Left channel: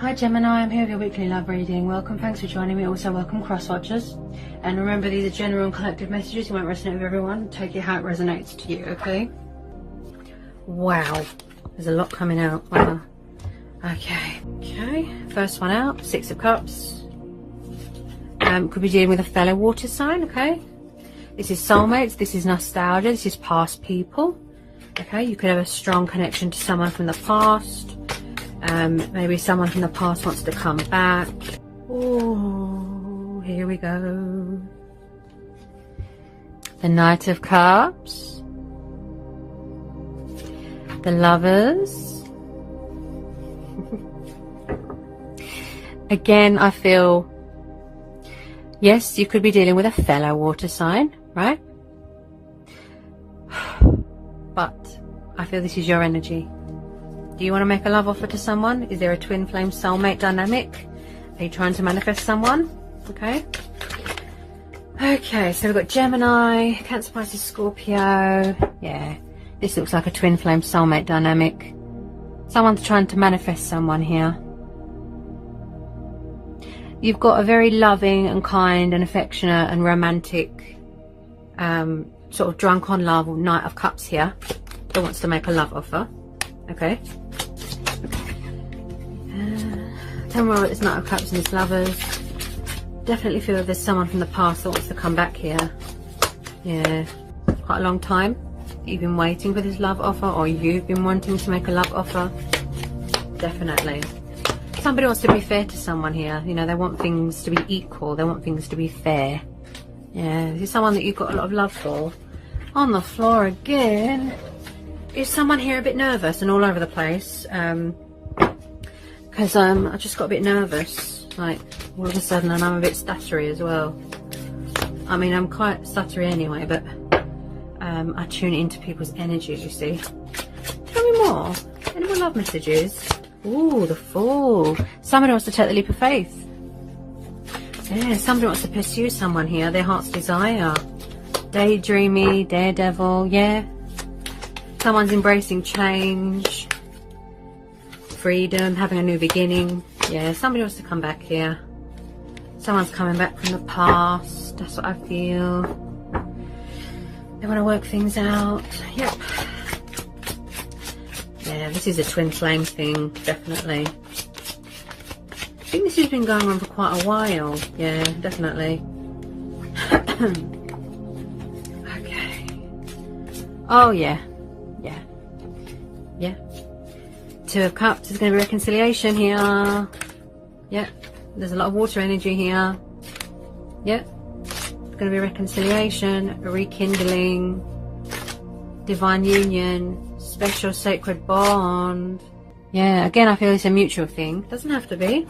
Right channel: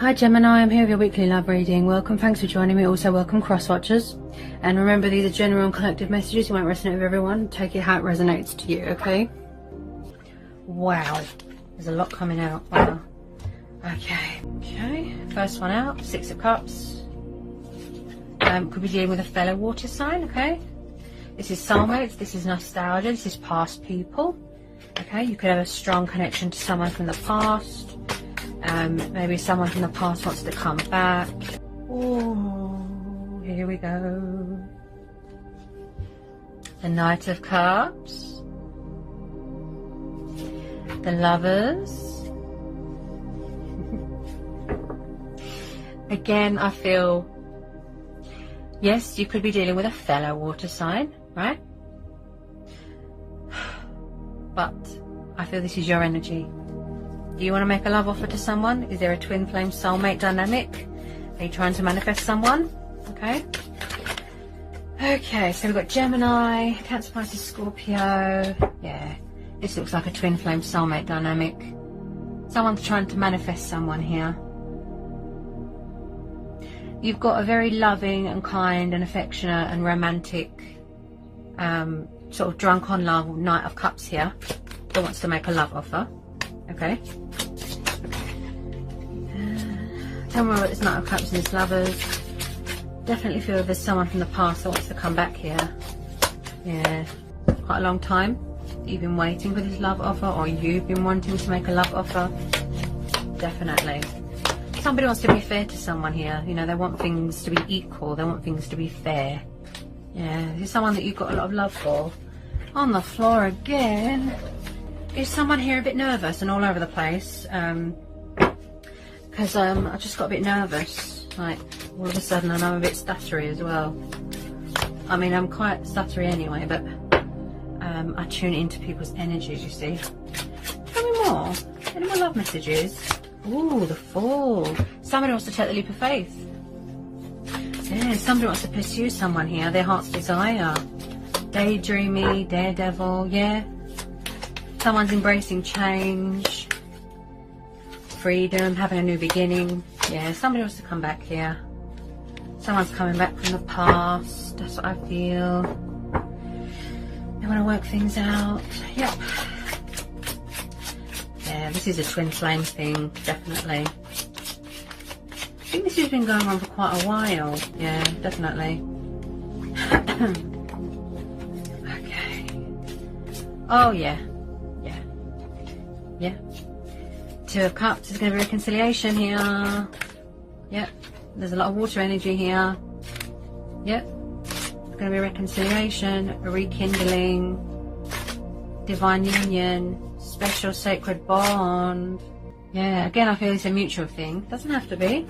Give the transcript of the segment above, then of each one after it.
Hi Gemini, I'm here with your weekly love reading. Welcome, thanks for joining me. Also welcome cross watchers. And remember, these are general and collective messages. You won't resonate with everyone. Take it how it resonates to you, okay? Wow, there's a lot coming out. Wow. Okay, first one out, Six of Cups. Could be dealing with a fellow water sign, okay? This is soulmates, this is nostalgia, this is past people. Okay, you could have a strong connection to someone from the past. Maybe someone from the past wants to come back. Oh, here we go. The Knight of Cups. The Lovers. Again, I feel, yes, you could be dealing with a fellow water sign, right? But I feel this is your energy. Do you want to make a love offer to someone? Is there a twin flame soulmate dynamic? Are you trying to manifest someone? Okay. Okay, so we've got Gemini, Cancer, Pisces, Scorpio. Yeah, this looks like a twin flame soulmate dynamic. Someone's trying to manifest someone here. You've got a very loving and kind and affectionate and romantic, sort of drunk on love, Knight of Cups here, who wants to make a love offer. Okay. Tell me what it's Knight of Cups and it's Lovers. Definitely feel there's someone from the past that wants to come back here. Yeah. Quite a long time that you've been waiting for this love offer, or you've been wanting to make a love offer. Definitely. Somebody wants to be fair to someone here. You know, they want things to be equal. They want things to be fair. Yeah. This is someone that you've got a lot of love for. On the floor again. Is someone here a bit nervous and all over the place? Because I just got a bit nervous, like all of a sudden, and I'm a bit stuttery as well. I mean, I'm quite stuttery anyway, but I tune into people's energy, you see. Tell me more. Any more love messages? Ooh, the Fool. Somebody wants to take the leap of faith. Yeah, somebody wants to pursue someone here, their heart's desire. Daydreamy, daredevil, yeah. Someone's embracing change, freedom, having a new beginning. Yeah, somebody wants to come back here. Someone's coming back from the past. That's what I feel. They want to work things out. Yep. Yeah, this is a twin flame thing, definitely. I think this has been going on for quite a while. Yeah, definitely. Okay. Oh, yeah. Yeah. Two of Cups. There's going to be reconciliation here. Yeah. There's a lot of water energy here. Yeah. There's going to be reconciliation, a rekindling, divine union, special sacred bond. Yeah. Again, I feel it's a mutual thing. Doesn't have to be.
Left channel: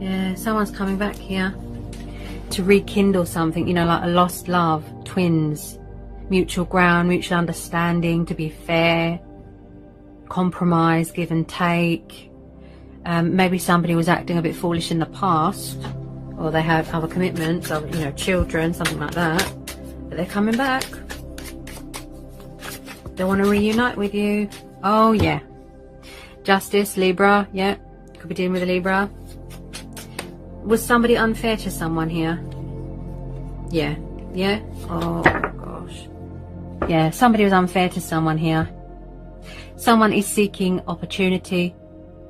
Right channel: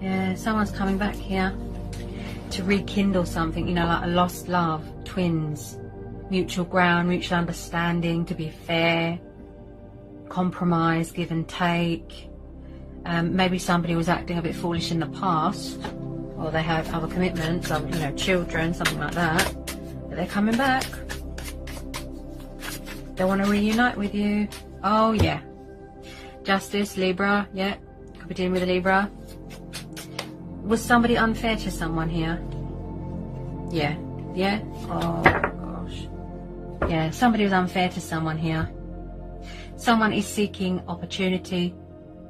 Yeah. Someone's coming back here to rekindle something. You know, like a lost love. Twins. Mutual ground, mutual understanding, to be fair, compromise, give and take. Maybe somebody was acting a bit foolish in the past, or they have other commitments, or, you know, children, something like that. But they're coming back. They want to reunite with you. Oh, yeah. Justice, Libra, yeah. Could be dealing with a Libra. Was somebody unfair to someone here? Yeah. Yeah? Oh. Yeah, somebody was unfair to someone here. Someone is seeking opportunity.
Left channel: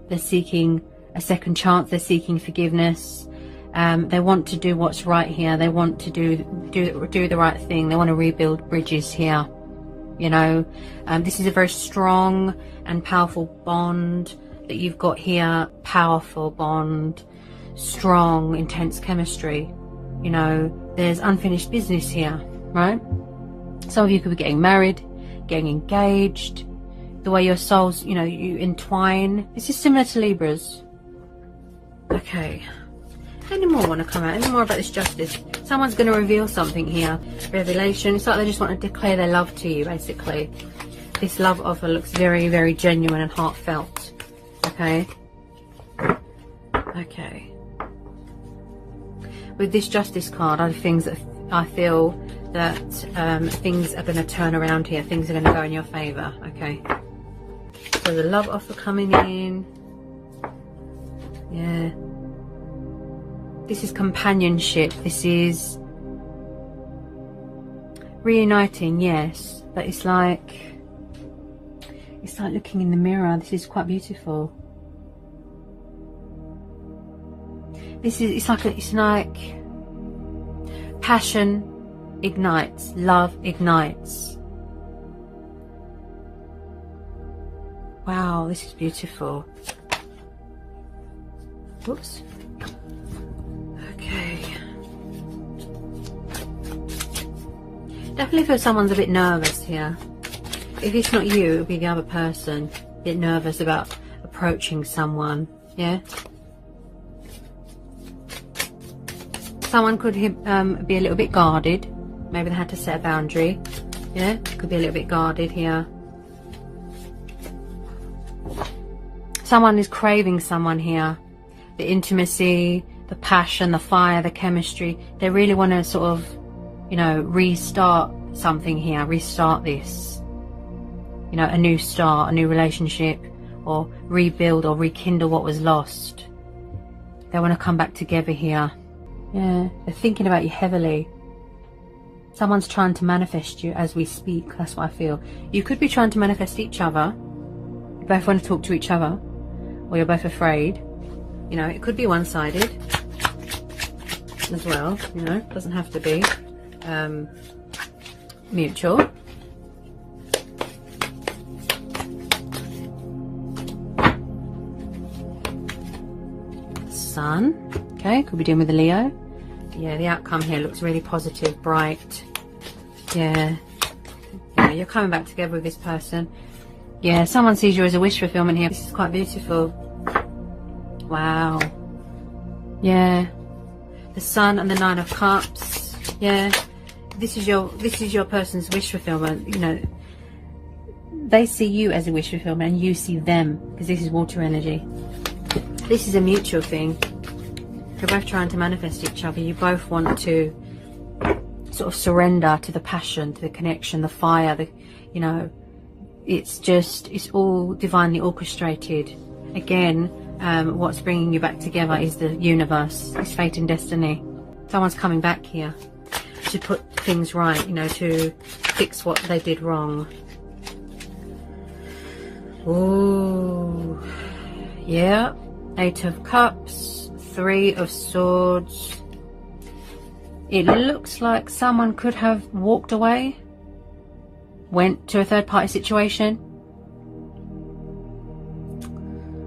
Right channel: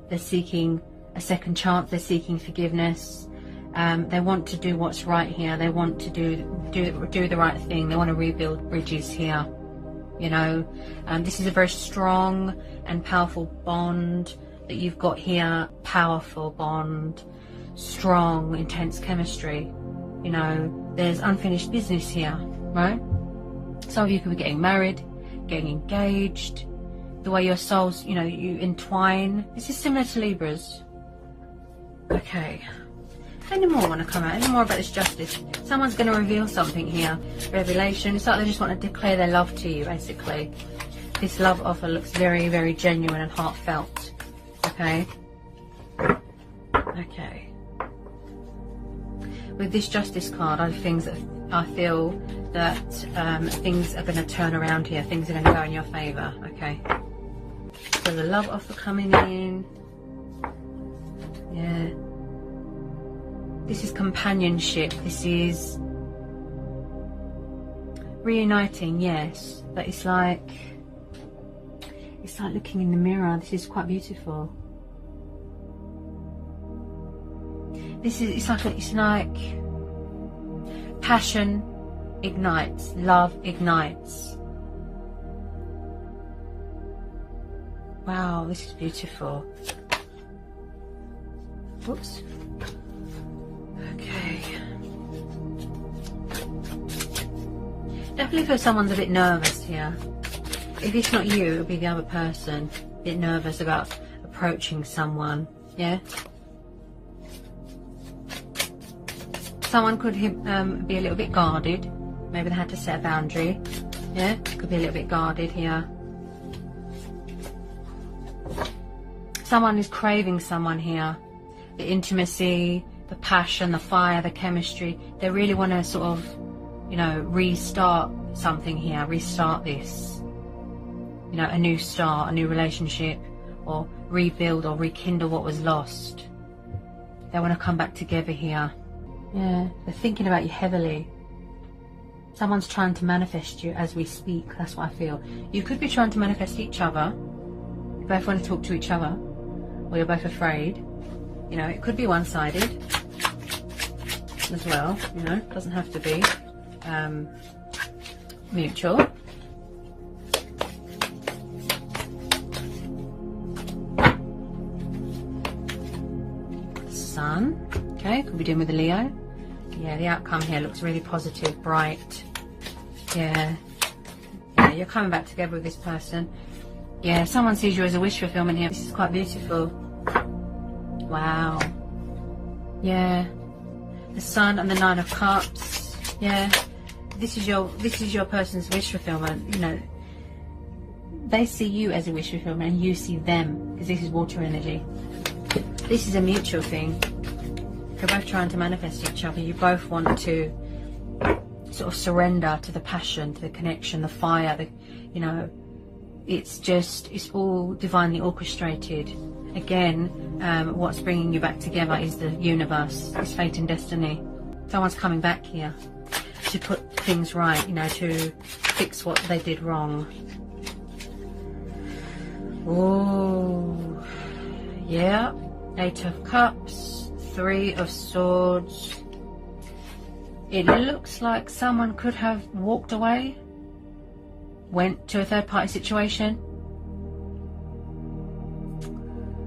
They're seeking a second chance. They're seeking forgiveness. They want to do what's right here. They want to do the right thing. They want to rebuild bridges here. You know, this is a very strong and powerful bond that you've got here. Powerful bond, strong, intense chemistry. You know, there's unfinished business here, right? Some of you could be getting married, getting engaged. The way your souls, you know, you entwine. This is similar to Libras. Okay. Any more want to come out? Any more about this justice? Someone's going to reveal something here. Revelation. It's like they just want to declare their love to you, basically. This love offer looks very, very genuine and heartfelt. Okay. Okay. With this justice card, other things that I feel that things are going to turn around here. Things are going to go in your favour. Okay. So the love offer coming in. Yeah. This is companionship. This is reuniting, yes. But it's like looking in the mirror. This is quite beautiful. It's like passion ignites, love ignites. Wow, this is beautiful. Oops. Okay. Definitely feel someone's a bit nervous here. If it's not you, it'll be the other person. A bit nervous about approaching someone. Yeah. Someone could be a little bit guarded. Maybe they had to set a boundary. Yeah, could be a little bit guarded here. Someone is craving someone here. The intimacy, the passion, the fire, the chemistry. They really want to sort of, you know, restart something here. Restart this. You know, a new start, a new relationship, or rebuild or rekindle what was lost. They want to come back together here. Yeah, they're thinking about you heavily. Someone's trying to manifest you as we speak. That's what I feel. You could be trying to manifest each other. You both want to talk to each other, or you're both afraid. You know, it could be one-sided as well. You know, it doesn't have to be mutual. Sun. Okay, could be dealing with a Leo. Yeah, the outcome here looks really positive, bright. Yeah, you're coming back together with this person. Yeah, someone sees you as a wish fulfillment here. This is quite beautiful. Wow. Yeah, the Sun and the Nine of Cups. Yeah, this is your person's wish fulfillment. You know, they see you as a wish fulfillment, and you see them, because this is water energy. This is a mutual thing. You're both trying to manifest each other. You both want to sort of surrender to the passion, to the connection, the fire. You know, it's all divinely orchestrated. Again, what's bringing you back together is the universe. It's fate and destiny. Someone's coming back here to put things right. You know, to fix what they did wrong. Oh, yeah. Eight of Cups, Three of Swords. It looks like someone could have walked away, went to a third-party situation.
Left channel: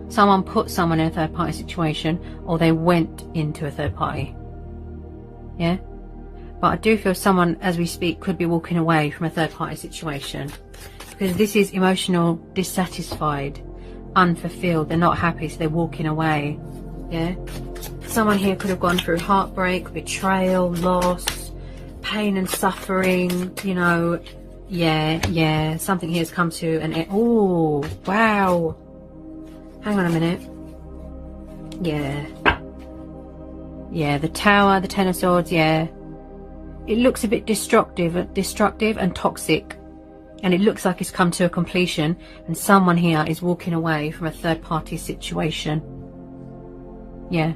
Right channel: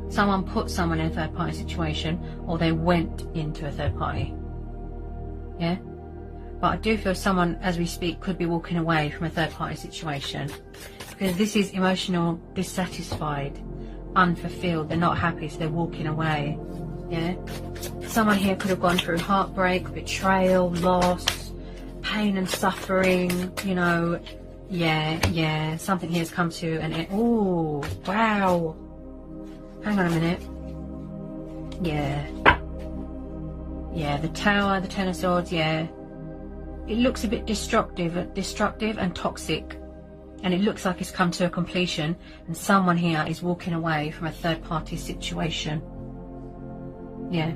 Someone put someone in a third-party situation, or they went into a third party. Yeah? But I do feel someone, as we speak, could be walking away from a third-party situation. Because this is emotional, dissatisfied, unfulfilled. They're not happy, so they're walking away. Yeah, someone here could have gone through heartbreak, betrayal, loss, pain and suffering. You know, yeah, something here has come to an end. Oh, wow, hang on a minute. Yeah, the Tower, the Ten of Swords. Yeah, it looks a bit destructive and toxic. And it looks like it's come to a completion, and someone here is walking away from a third-party situation. Yeah.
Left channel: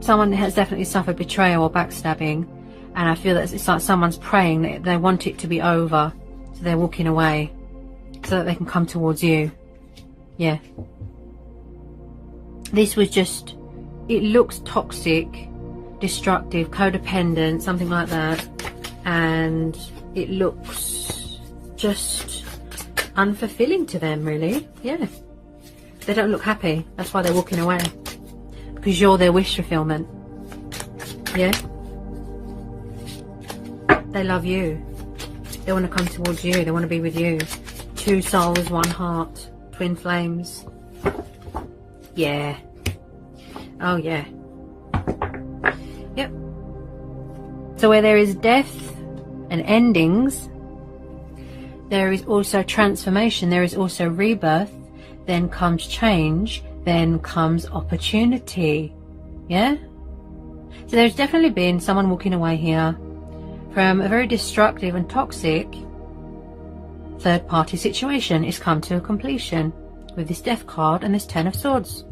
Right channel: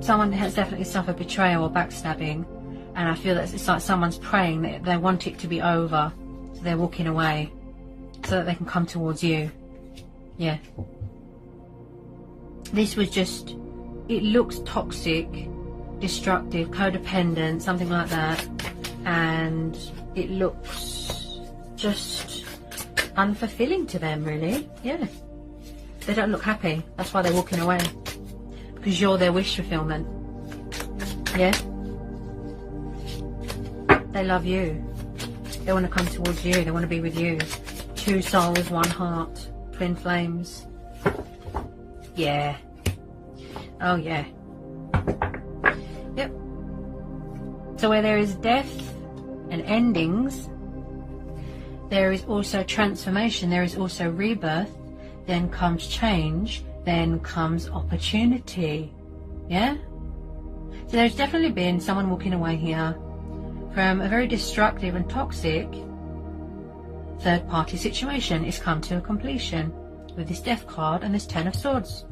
Someone has definitely suffered betrayal or backstabbing, and I feel that it's like someone's praying that they want it to be over, so they're walking away, so that they can come towards you. Yeah. This was just, it looks toxic, destructive, codependent, something like that, and it looks just unfulfilling to them, really. Yeah, they don't look happy. That's why they're walking away, because you're their wish fulfillment. Yeah, they love you. They want to come towards you. They want to be with you. Two souls, one heart, twin flames. Yeah. Oh yeah. Yep. So where there is death and endings, there is also transformation, there is also rebirth, then comes change, then comes opportunity. Yeah? So there's definitely been someone walking away here from a very destructive and toxic third-party situation. It's come to a completion with this Death card and this Ten of Swords.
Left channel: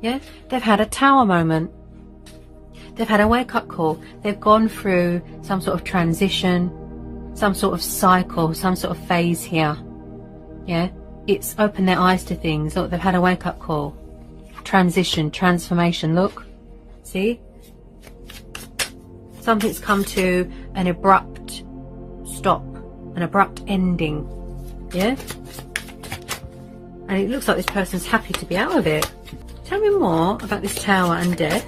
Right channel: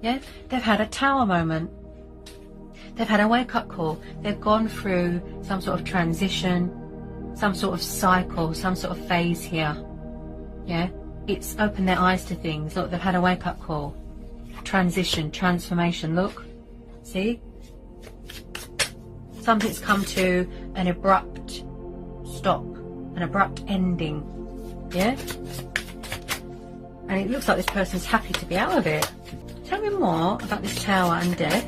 Yeah, they've had a tower moment. They've had a wake-up call. They've gone through some sort of transition, some sort of cycle, some sort of phase here. Yeah, it's opened their eyes to things. Look, they've had a wake-up call. Transition, transformation. Look, see? Something's come to an abrupt stop, an abrupt ending. Yeah? And it looks like this person's happy to be out of it. Tell me more about this tower and death.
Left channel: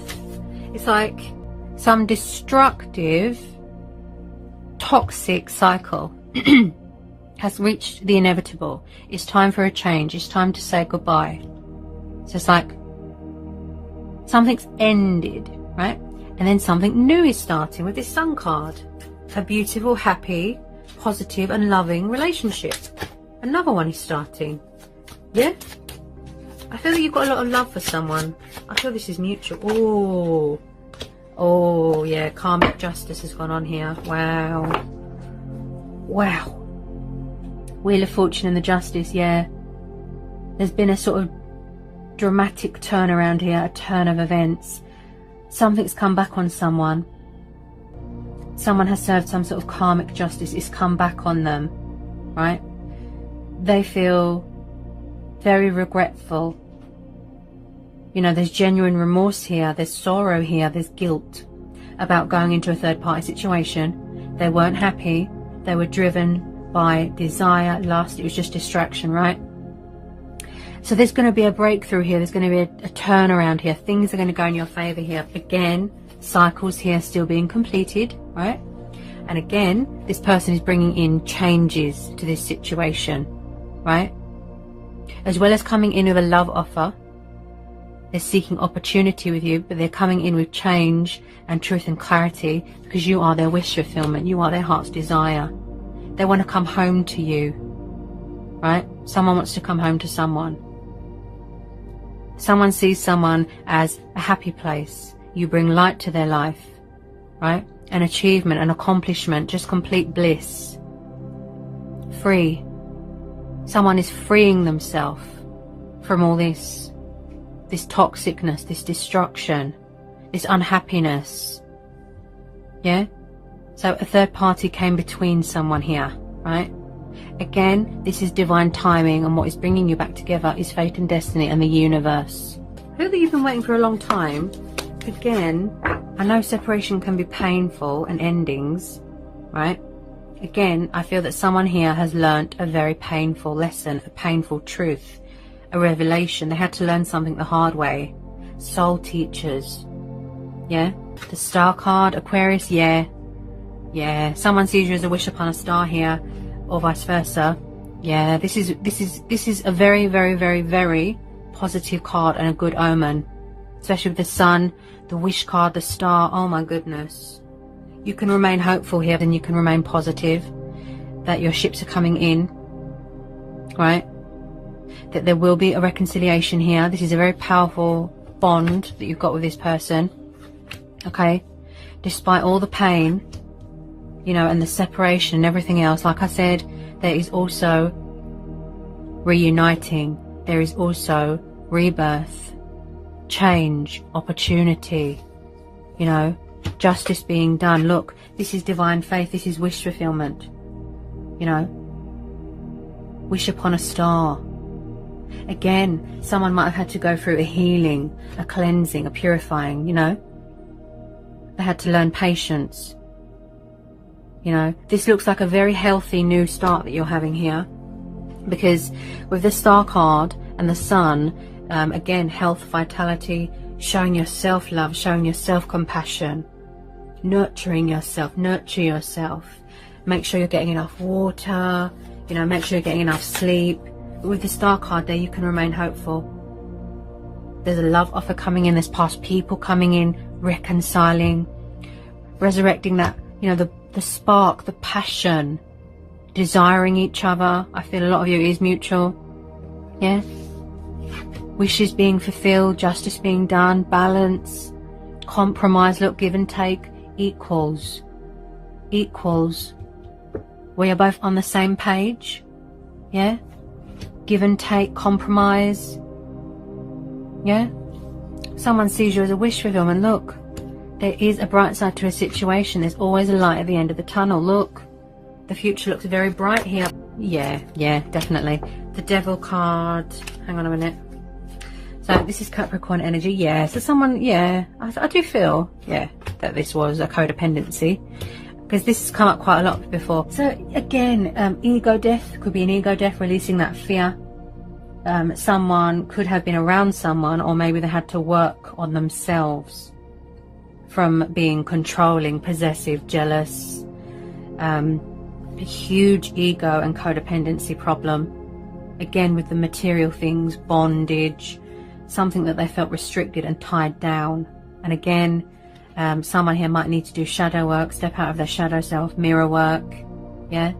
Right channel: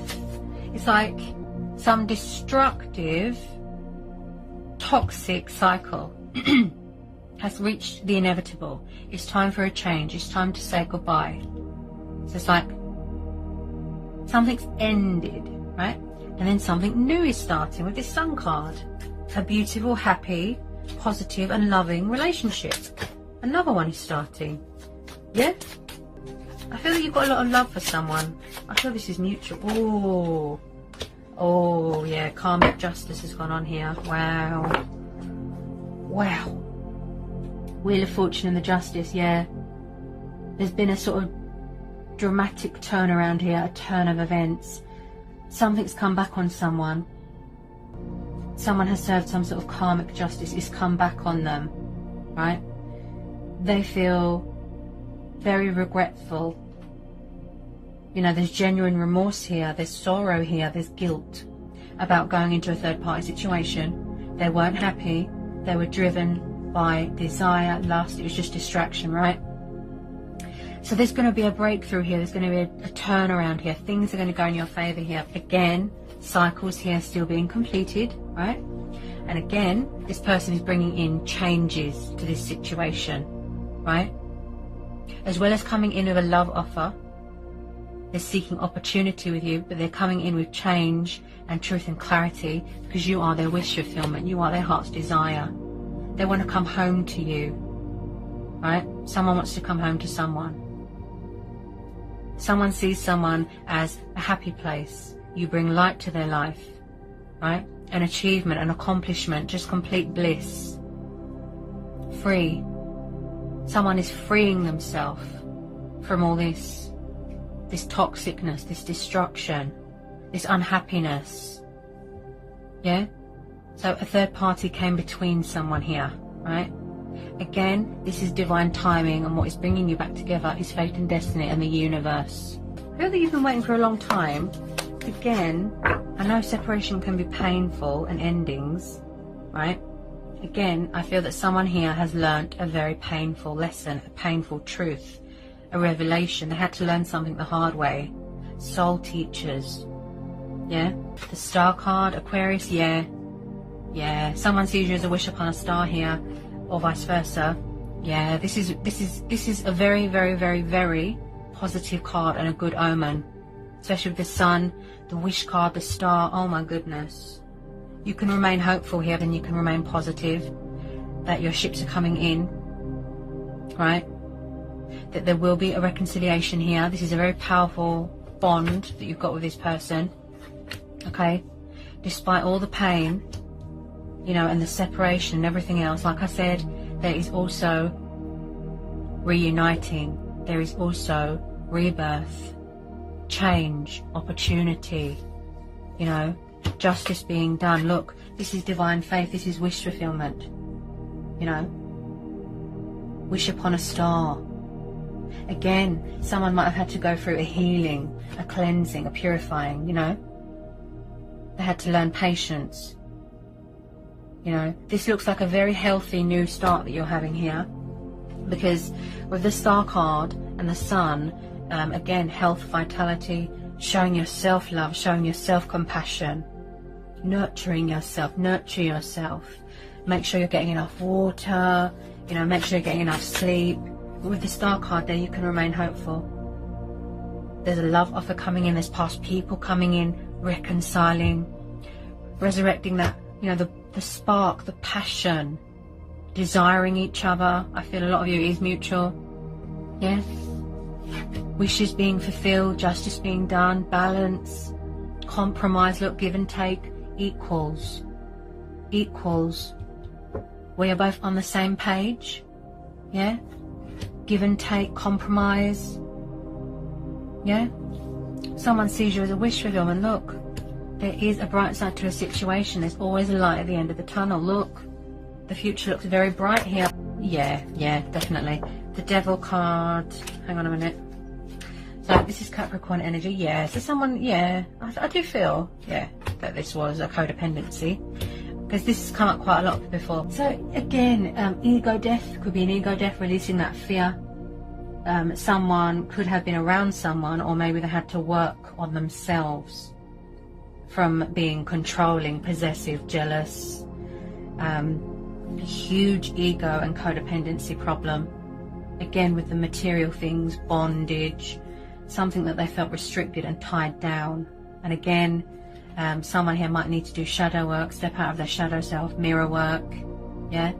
It's like some destructive, toxic cycle has reached the inevitable. It's time for a change. It's time to say goodbye. So it's like something's ended, right? And then something new is starting with this Sun card. A beautiful, happy, positive and loving relationship. Another one is starting. Yeah? I feel that you've got a lot of love for someone. I feel this is mutual. Oh yeah, karmic justice has gone on here. Wow. Wow. Wheel of Fortune and the Justice, yeah. There's been a sort of dramatic turnaround here, a turn of events. Something's come back on someone. Someone has served some sort of karmic justice. It's come back on them, right? They feel very regretful. You know, there's genuine remorse here, there's sorrow here, there's guilt about going into a third party situation. They weren't happy, they were driven by desire, lust, it was just distraction, right? So there's going to be a breakthrough here, there's going to be a turnaround here, things are going to go in your favour here. Again, cycles here still being completed, right? And again, this person is bringing in changes to this situation, right? As well as coming in with a love offer, they're seeking opportunity with you, but they're coming in with change and truth and clarity because you are their wish fulfillment. You are their heart's desire. They want to come home to you, right? Someone wants to come home to someone. Someone sees someone as a happy place. You bring light to their life, right? An achievement, an accomplishment, just complete bliss. Free. Someone is freeing themselves from all this toxicness, this destruction, this unhappiness. Yeah? So a third party came between someone here, right? Again, this is divine timing, and what is bringing you back together is fate and destiny and the universe. I feel that you've been waiting for a long time. Again, I know separation can be painful and endings, right? Again, I feel that someone here has learnt a very painful lesson, a painful truth, a revelation. They had to learn something the hard way. Soul teachers. Yeah? The star card, Aquarius, yeah. Yeah. Someone sees you as a wish upon a star here, or vice versa. Yeah, this is a very, very, very, very positive card and a good omen. Especially with the sun, the wish card, the star. Oh my goodness. You can remain hopeful here, and you can remain positive that your ships are coming in, right? That there will be a reconciliation here. This is a very powerful bond that you've got with this person, okay? Despite all the pain, you know, and the separation and everything else, like I said, there is also reuniting. There is also rebirth, change, opportunity, you know, justice being done. Look, this is divine faith, this is wish fulfillment, you know, wish upon a star. Again, someone might have had to go through a healing, a cleansing, a purifying, you know. They had to learn patience, you know. This looks like a very healthy new start that you're having here, because with the star card and the sun, again, health, vitality, showing your self-love, showing your self-compassion, nurturing yourself, nurture yourself. Make sure you're getting enough water, you know, make sure you're getting enough sleep. With the star card there, you can remain hopeful. There's a love offer coming in, there's past people coming in, reconciling, resurrecting that, you know, the spark, the passion, desiring each other. I feel a lot of you is mutual. Yeah? Wishes being fulfilled, justice being done, balance, compromise. Look, give and take equals. Equals. We are both on the same page. Yeah? Give and take, compromise. Yeah? someone sees you as a wish fulfillment. Look, there is a bright side to a situation. There's always a light at the end of the tunnel. Look, the future looks very bright here. Yeah, definitely. The Devil card. Hang on a minute. So this is Capricorn energy. Yeah, so someone, yeah, I do feel, yeah, that this was a codependency, because this has come up quite a lot before. So again, ego death, could be an ego death, releasing that fear. Someone could have been around someone, or maybe they had to work on themselves from being controlling, possessive, jealous, a huge ego and codependency problem. Again, with the material things, bondage, something that they felt restricted and tied down. And again, someone here might need to do shadow work, step out of their shadow self, mirror work. Yeah.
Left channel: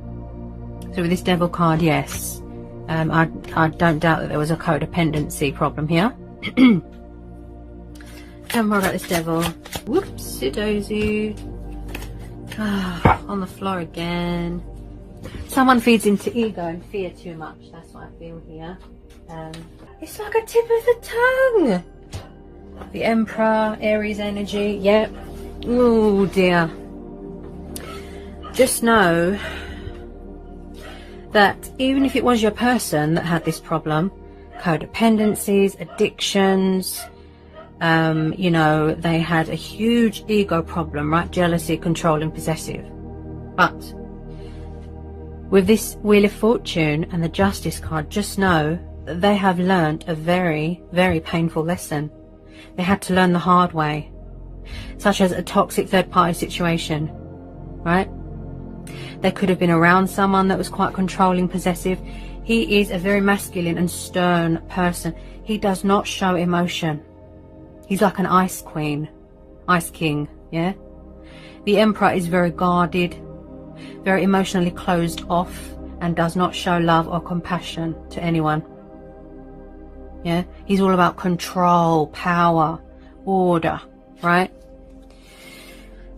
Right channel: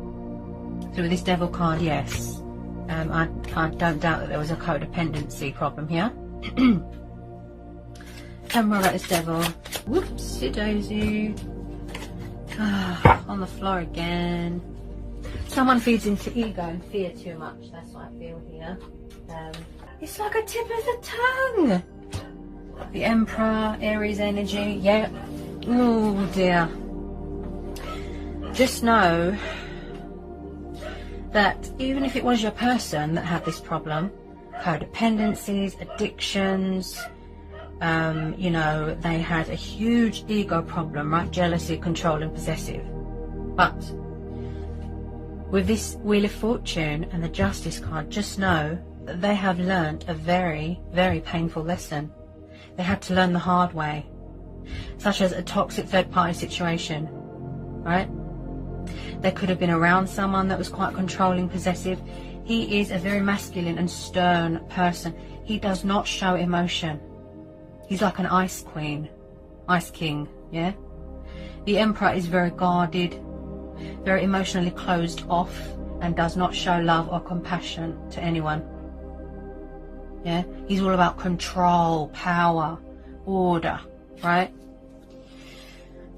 So with this Devil card, yes, I don't doubt that there was a codependency problem here. Tell me more about this Devil. Whoopsie daisy. On the floor again. Someone feeds into ego and fear too much. That's what I feel here. It's like a tip of the tongue. The Emperor, Aries energy. Yep. Oh dear. Just know that even if it was your person that had this problem, codependencies, addictions, you know, they had a huge ego problem, right? Jealousy, controlling, possessive. But with this Wheel of Fortune and the Justice card, just know that they have learned a very, very painful lesson. They had to learn the hard way, such as a toxic third-party situation, right? They could have been around someone that was quite controlling, possessive. He is a very masculine and stern person. He does not show emotion. He's like an ice queen, ice king, yeah? The Emperor is very guarded, very emotionally closed off, and does not show love or compassion to anyone. Yeah, he's all about control, power, order, right?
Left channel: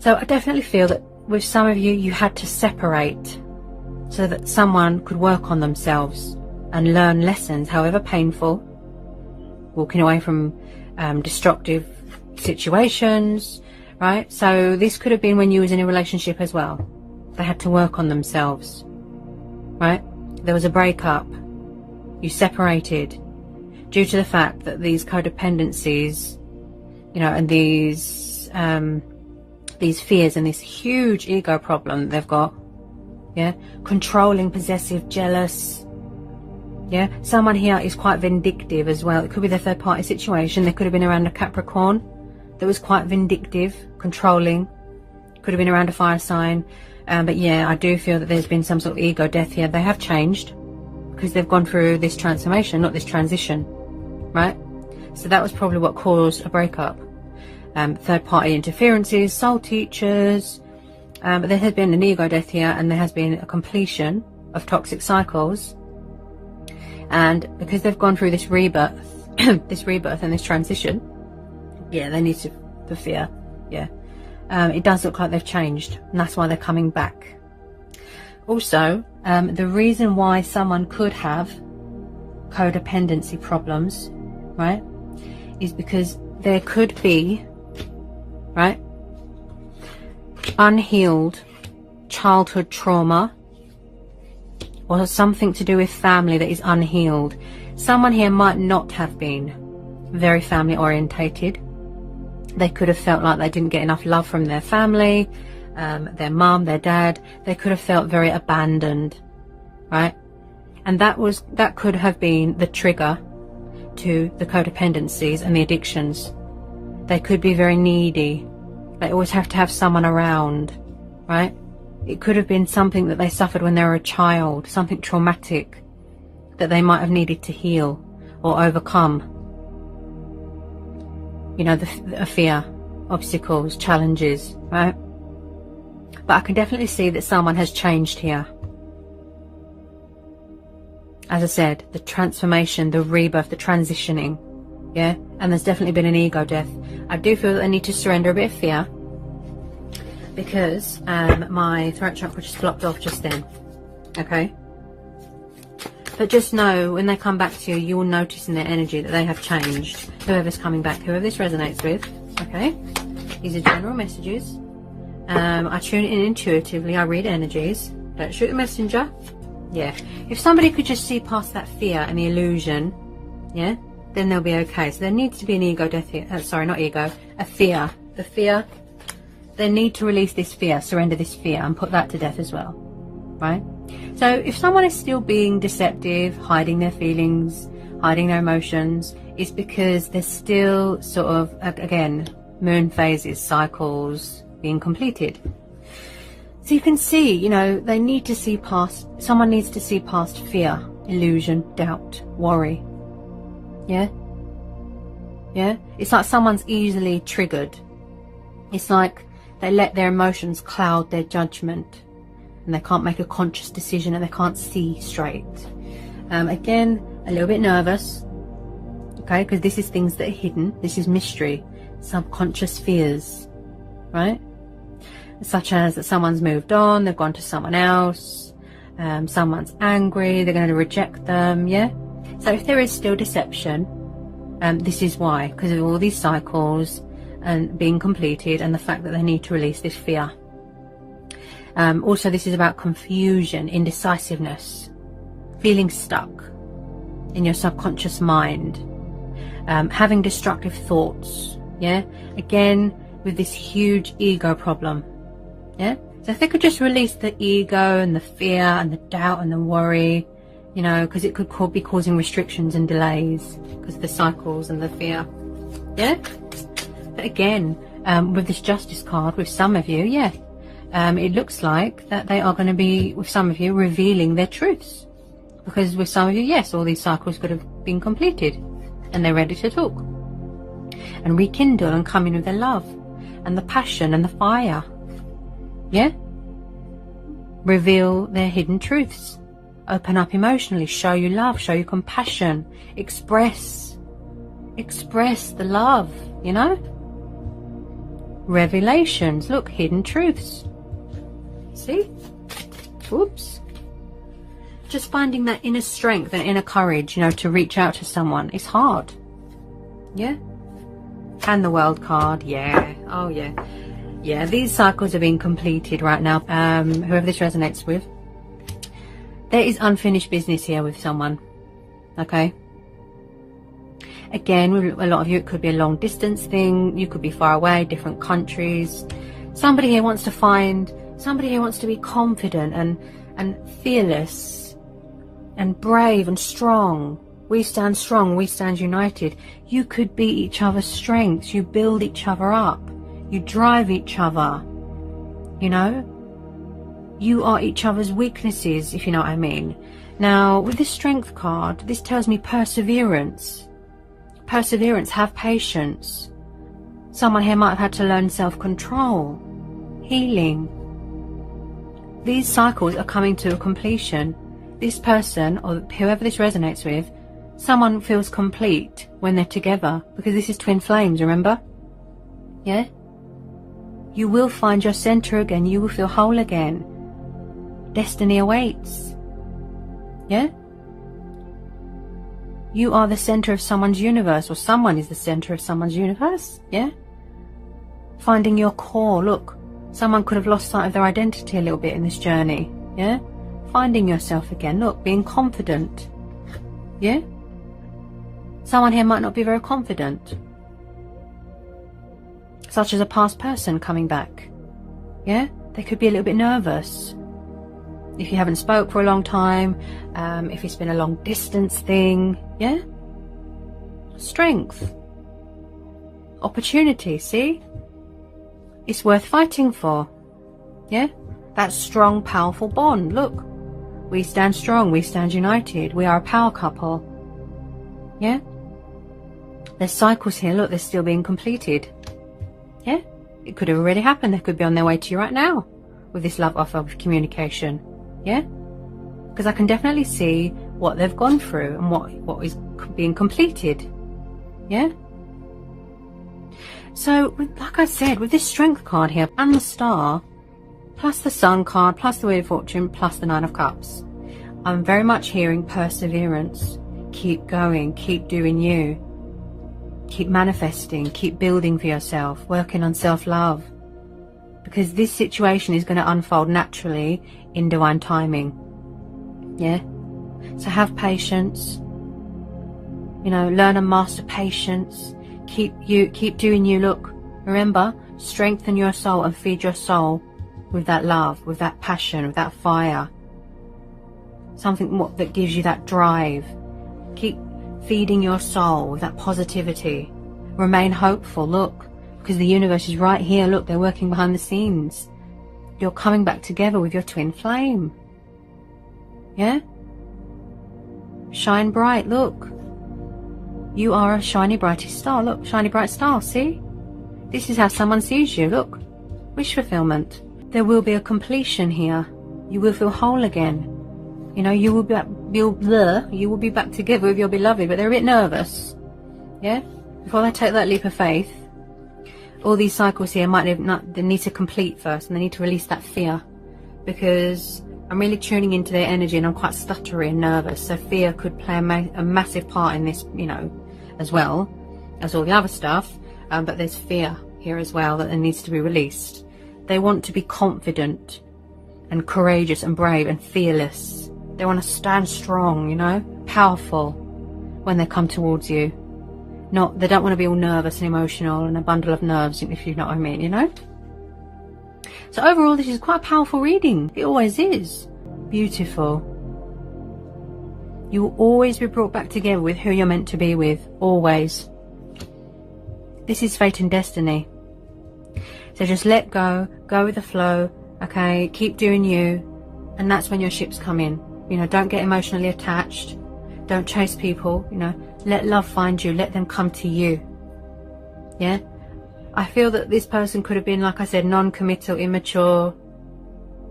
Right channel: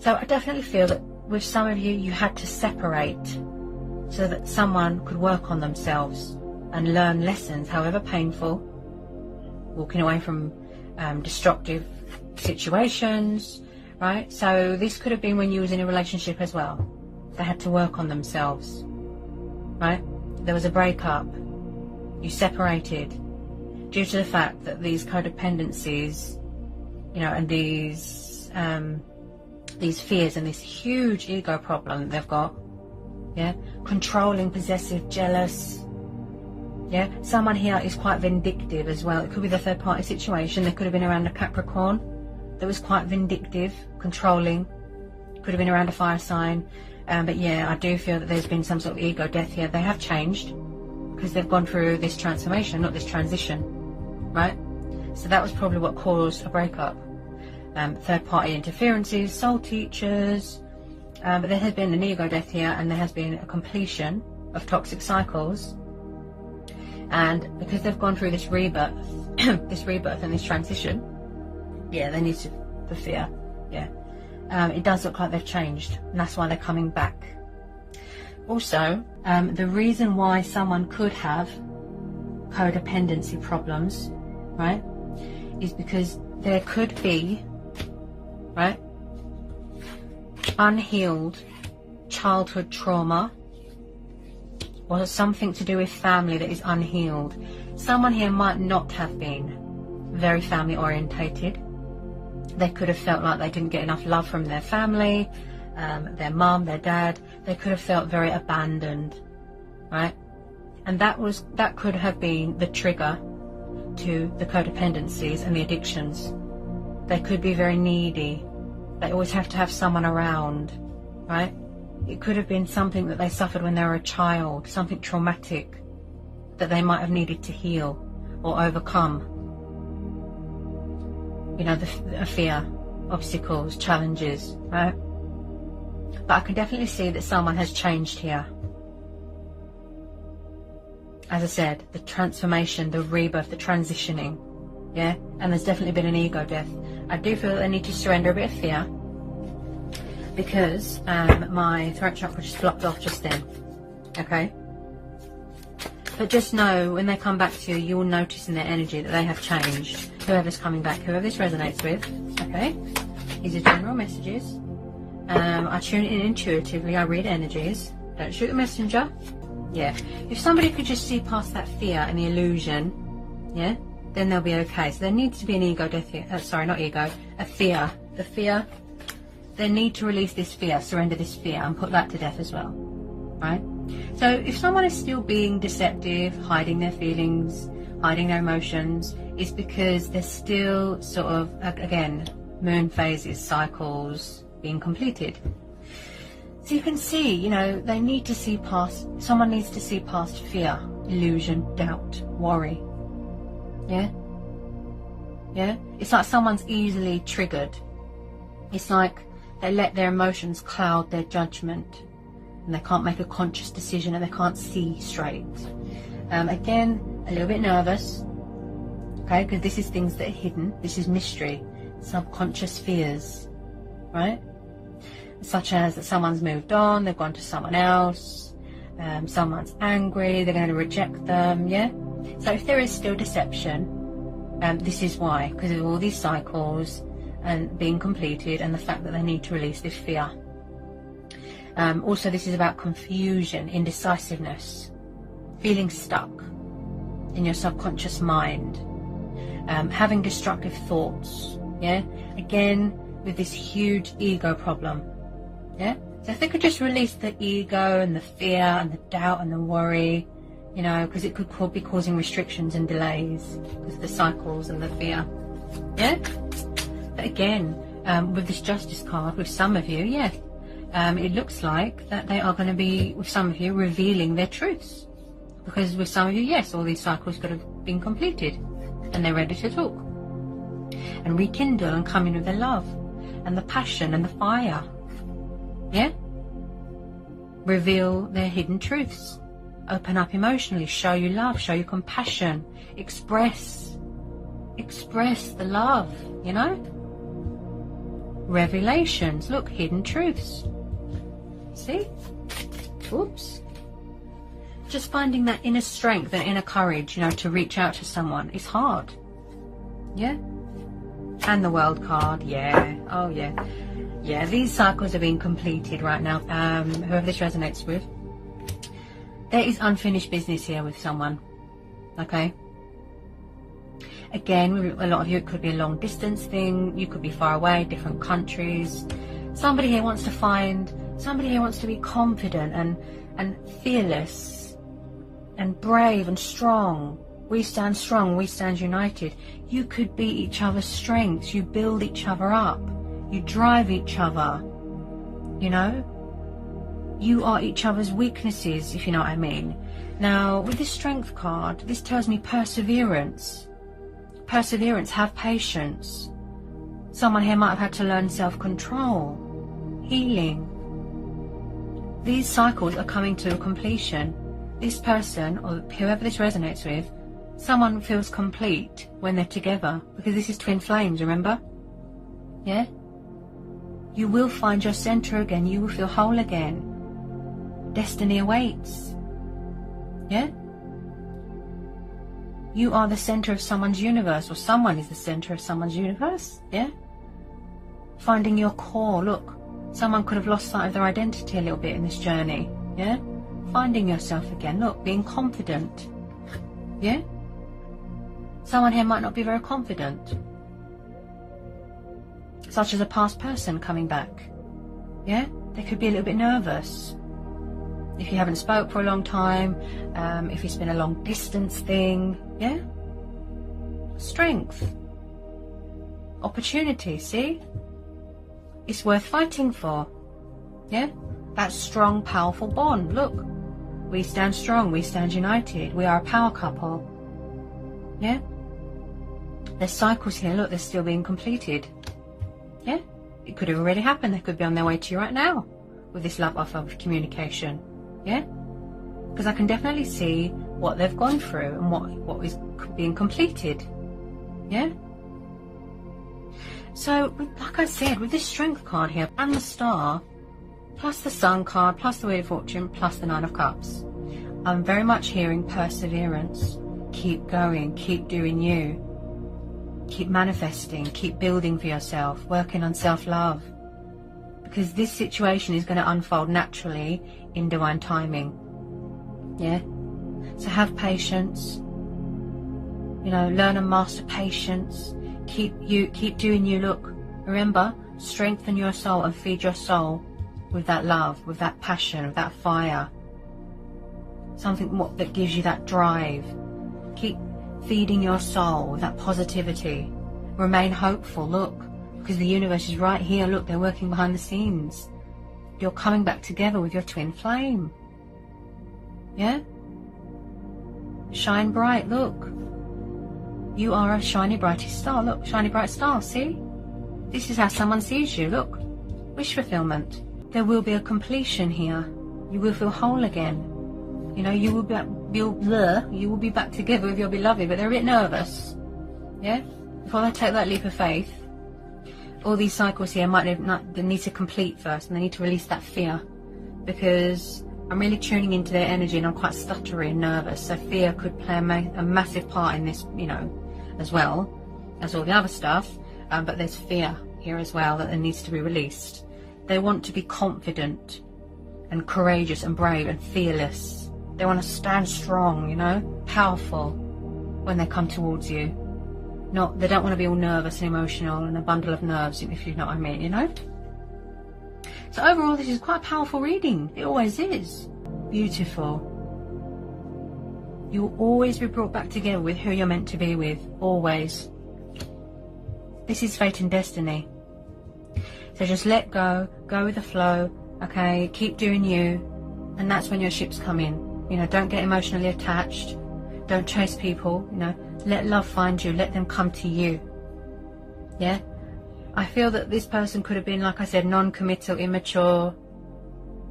So I definitely feel that with some of you, you had to separate so that someone could work on themselves and learn lessons, however painful, walking away from destructive situations, right? So this could have been when you was in a relationship as well. They had to work on themselves, right? There was a breakup, you separated due to the fact that these codependencies, you know, and these fears and this huge ego problem that they've got, yeah, controlling, possessive, jealous, yeah. Someone here is quite vindictive as well. It could be the third party situation. They could have been around a Capricorn that was quite vindictive, controlling. Could have been around a fire sign. But yeah, I do feel that there's been some sort of ego death here. They have changed because they've gone through this transformation, not this transition, right? So that was probably what caused a breakup. Third party interferences, soul teachers, but there has been an ego death here, and there has been a completion of toxic cycles. And because they've gone through this rebirth, and this transition, yeah, they need to fear, yeah. It does look like they've changed, and that's why they're coming back. Also, the reason why someone could have codependency problems, right, is because there could be, right, unhealed childhood trauma or something to do with family that is unhealed. Someone here might not have been very family orientated. They could have felt like they didn't get enough love from their family, their mum, their dad. They could have felt very abandoned, right? And that could have been the trigger to the codependencies and the addictions. They could be very needy. They always have to have someone around, right? It could have been something that they suffered when they were a child, something traumatic that they might have needed to heal or overcome. You know, the fear, obstacles, challenges, right? But I can definitely see that someone has changed here. As I said, the transformation, the rebirth, the transitioning, yeah? And there's definitely been an ego death. I do feel that they need to surrender a bit of fear, because my throat chakra just blocked off just then, okay? But just know, when they come back to you, you will notice in their energy that they have changed. Whoever's coming back, whoever this resonates with, okay? These are general messages. I tune in intuitively. I read energies. Don't shoot the messenger. Yeah. If somebody could just see past that fear and the illusion, yeah, then they'll be okay. So there needs to be an ego death here. Sorry, not ego. A fear. The fear. They need to release this fear, surrender this fear, and put that to death as well. Right? So if someone is still being deceptive, hiding their feelings, hiding their emotions, it's because they're still sort of, again, moon phases, cycles being completed. So you can see, you know, they need to see past, someone needs to see past fear, illusion, doubt, worry. Yeah? Yeah? It's like someone's easily triggered. It's like they let their emotions cloud their judgment, and they can't make a conscious decision, and they can't see straight. Again, a little bit nervous, okay, because this is things that are hidden. This is mystery, subconscious fears, right? Such as that someone's moved on, they've gone to someone else, someone's angry, they're going to reject them, yeah? So if there is still deception, this is why, because of all these cycles and being completed, and the fact that they need to release this fear. Also, this is about confusion, indecisiveness, feeling stuck in your subconscious mind, having destructive thoughts, yeah? Again, with this huge ego problem, yeah? So if they could just release the ego and the fear and the doubt and the worry, you know, because it could be causing restrictions and delays because of the cycles and the fear, yeah? But again, with this Justice card, with some of you, yeah, it looks like that they are going to be, with some of you, revealing their truths. Because with some of you, yes, all these cycles could have been completed and they're ready to talk and rekindle and come in with their love and the passion and the fire. Yeah? Reveal their hidden truths. Open up emotionally. Show you love. Show you compassion. Express the love, you know? Revelations. Look, hidden truths. See? Oops. Just finding that inner strength, that inner courage, you know, to reach out to someone. It's hard. Yeah? And the World card. Yeah. Oh, yeah. Yeah, these cycles are being completed right now. Whoever this resonates with. There is unfinished business here with someone. Okay? Again, with a lot of you, it could be a long distance thing. You could be far away, different countries. Somebody here wants to find, somebody here wants to be confident and fearless and brave and strong. We stand strong, we stand united. You could be each other's strengths. You build each other up. You drive each other. You know? You are each other's weaknesses, if you know what I mean. Now, with this Strength card, this tells me perseverance. Perseverance, have patience. Someone here might have had to learn self-control, healing. These cycles are coming to a completion. This person, or whoever this resonates with, someone feels complete when they're together, because this is twin flames, remember? Yeah? You will find your center again. You will feel whole again. Destiny awaits. Yeah? You are the center of someone's universe, or someone is the center of someone's universe. Yeah? Finding your core. Look, someone could have lost sight of their identity a little bit in this journey. Yeah? Finding yourself again. Look, being confident. Yeah? Someone here might not be very confident. Such as a past person coming back. Yeah? They could be a little bit nervous. If you haven't spoke for a long time, if it's been a long distance thing, yeah? Strength. Opportunity, see? It's worth fighting for, yeah? That strong, powerful bond, look. We stand strong, we stand united, we are a power couple, yeah? There's cycles here, look, they're still being completed, yeah? It could have already happened, they could be on their way to you right now with this love offer of communication. Yeah, because I can definitely see what they've gone through and what is being completed. Yeah. So, like I said, with this Strength card here and the Star, plus the Sun card, plus the Wheel of Fortune, plus the Nine of Cups, I'm very much hearing perseverance. Keep going, keep doing you. Keep manifesting, keep building for yourself, working on self-love. Because this situation is going to unfold naturally in divine timing. Yeah? So have patience. You know, learn and master patience. Keep doing you. Look, remember, strengthen your soul and feed your soul with that love, with that passion, with that fire. Something that gives you that drive. Keep feeding your soul with that positivity. Remain hopeful, look, because the universe is right here. Look, they're working behind the scenes. You're coming back together with your twin flame. Yeah? Shine bright, look. You are a shiny, brightest star. Look, shiny, bright star, see? This is how someone sees you, look. Wish fulfillment. There will be a completion here. You will feel whole again. You know, you will be back together with your beloved, but they're a bit nervous. Yeah? Before they take that leap of faith, all these cycles here they need to complete first, and they need to release that fear, because I'm really tuning into their energy and I'm quite stuttery and nervous. So fear could play a massive part in this, you know, as well as all the other stuff. But there's fear here as well that needs to be released. They want to be confident and courageous and brave and fearless. They want to stand strong, you know, powerful when they come towards you. They don't want to be all nervous and emotional and a bundle of nerves, if you know what I mean, you know. So overall, this is quite a powerful reading. It always is. Beautiful. You will always be brought back together with who you're meant to be with. Always. This is fate and destiny. So just let go. Go with the flow. Okay? Keep doing you. And that's when your ships come in. You know, don't get emotionally attached. Don't chase people. You know, let love find you. Let them come to you. Yeah? I feel that this person could have been, like I said, non-committal, immature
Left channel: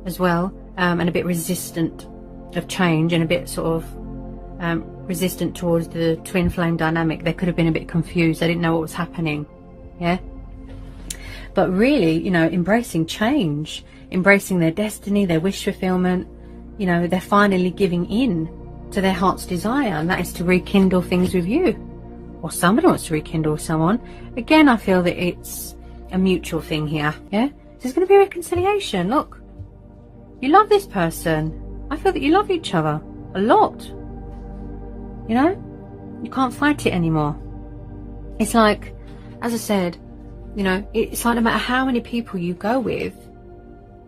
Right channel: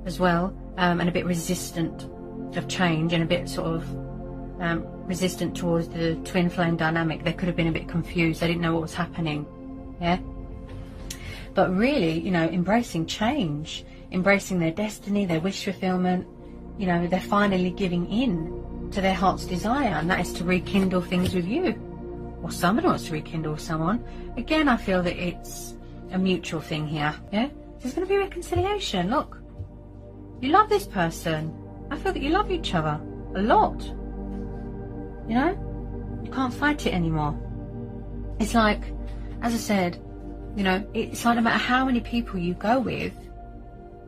as well, and a bit resistant of change, and a bit sort of resistant towards the twin flame dynamic. They could have been a bit confused. They didn't know what was happening. Yeah? But really, you know, embracing change, embracing their destiny, their wish fulfillment, you know, they're finally giving in to their heart's desire, and that is to rekindle things with you. Or somebody wants to rekindle with someone. Again, I feel that it's a mutual thing here. Yeah? There's going to be a reconciliation. Look. You love this person. I feel that you love each other a lot. You know? You can't fight it anymore. It's like, as I said, you know, it's like no matter how many people you go with,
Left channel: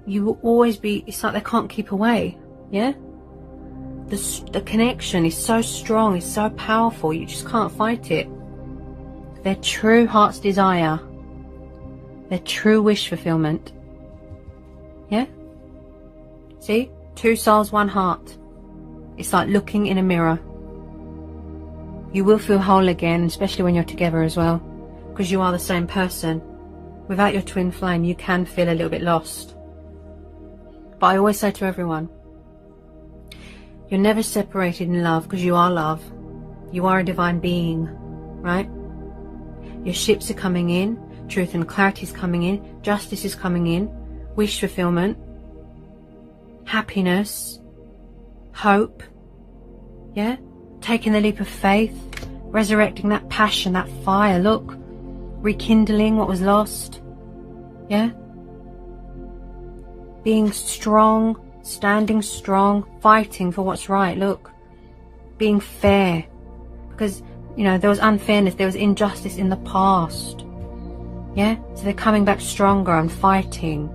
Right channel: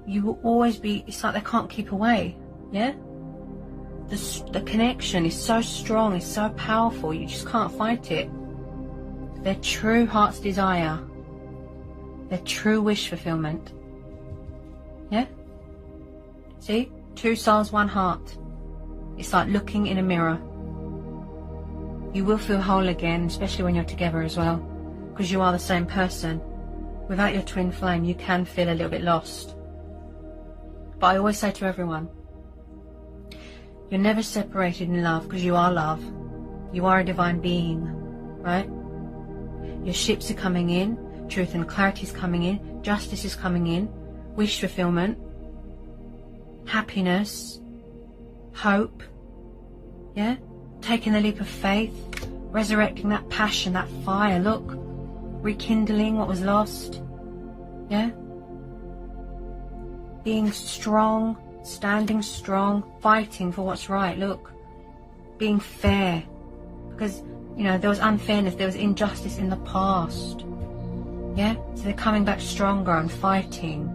you will always be, it's like they can't keep away. Yeah? The connection is so strong, it's so powerful, you just can't fight it. Their true heart's desire, their true wish fulfillment. Yeah? See? Two souls, one heart. It's like looking in a mirror. You will feel whole again, especially when you're together as well, because you are the same person. Without your twin flame, you can feel a little bit lost. But I always say to everyone, you're never separated in love, because you are love. You are a divine being, right? Your ships are coming in. Truth and clarity is coming in. Justice is coming in. Wish fulfillment. Happiness. Hope. Yeah? Taking the leap of faith. Resurrecting that passion, that fire. Look. Rekindling what was lost. Yeah? Being strong. Standing strong, fighting for what's right. Look, being fair, because you know there was unfairness, there was injustice in the past. Yeah, so they're coming back stronger and fighting,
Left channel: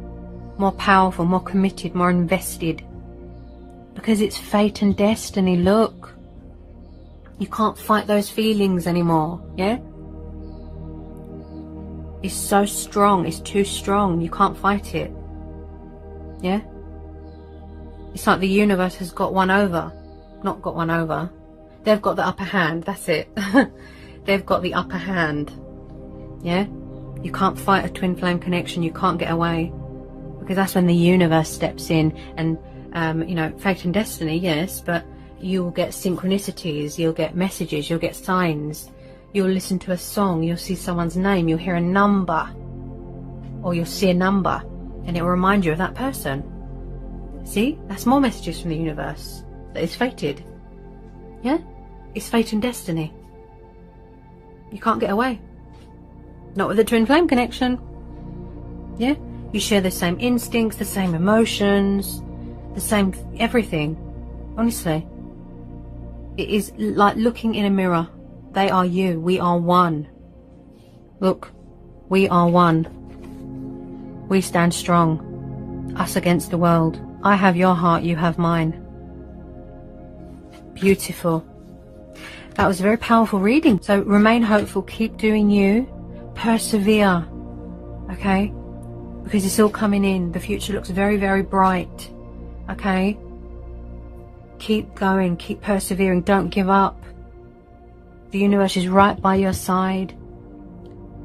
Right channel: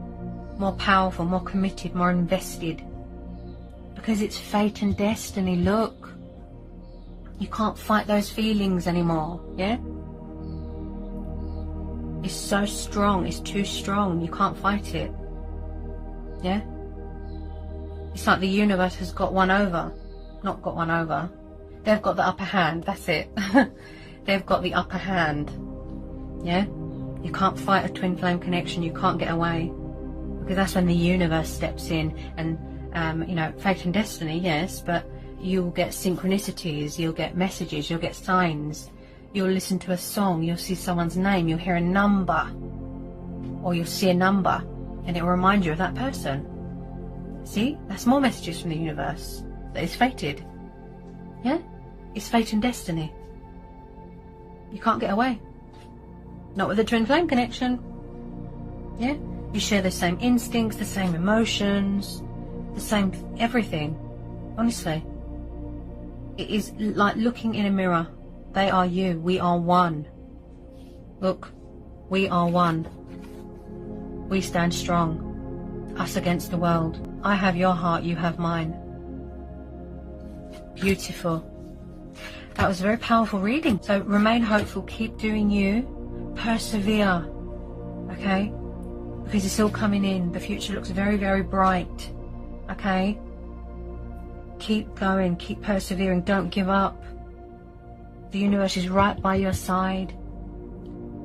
more powerful, more committed, more invested, because it's fate and destiny. Look, you can't fight those feelings anymore. Yeah, it's so strong, it's too strong, you can't fight it. Yeah. It's like the universe has got one over. Not got one over. They've got the upper hand. That's it. They've got the upper hand. Yeah? You can't fight a twin flame connection. You can't get away. Because that's when the universe steps in. And, you know, fate and destiny, yes. But you'll get synchronicities. You'll get messages. You'll get signs. You'll listen to a song. You'll see someone's name. You'll hear a number. Or you'll see a number. And it will remind you of that person. See, that's more messages from the universe. that is fated. Yeah? It's fate and destiny. You can't get away. Not with the twin flame connection. Yeah? You share the same instincts, the same emotions, the same everything. Honestly. It is like looking in a mirror. They are you. We are one. Look. We are one. We stand strong. Us against the world. I have your heart, you have mine. Beautiful. That was a very powerful reading. So remain hopeful. Keep doing you. Persevere. Okay? Because it's all coming in. The future looks very, very bright. Okay? Keep going. Keep persevering. Don't give up. The universe is right by your side.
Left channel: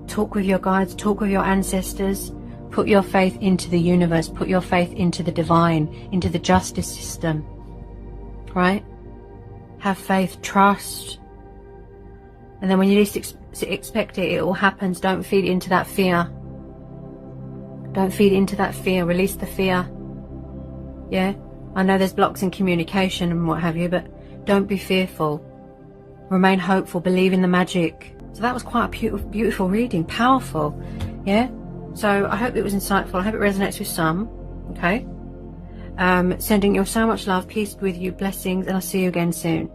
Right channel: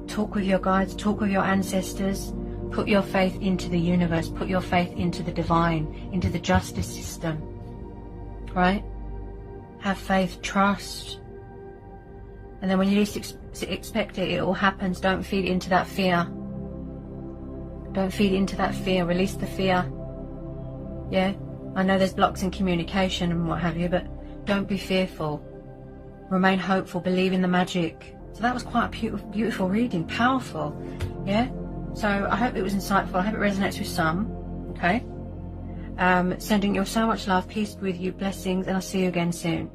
Talk with your guides. Talk with your ancestors. Put your faith into the universe. Put your faith into the divine. Into the justice system. Right? Have faith. Trust. And then when you least expect it, it all happens. Don't feed into that fear. Don't feed into that fear. Release the fear. Yeah? I know there's blocks in communication and what have you, but don't be fearful. Remain hopeful. Believe in the magic. So that was quite a beautiful reading. Powerful. Yeah? So I hope it was insightful. I hope it resonates with some. Okay? Sending you so much love. Peace with you. Blessings. And I'll see you again soon.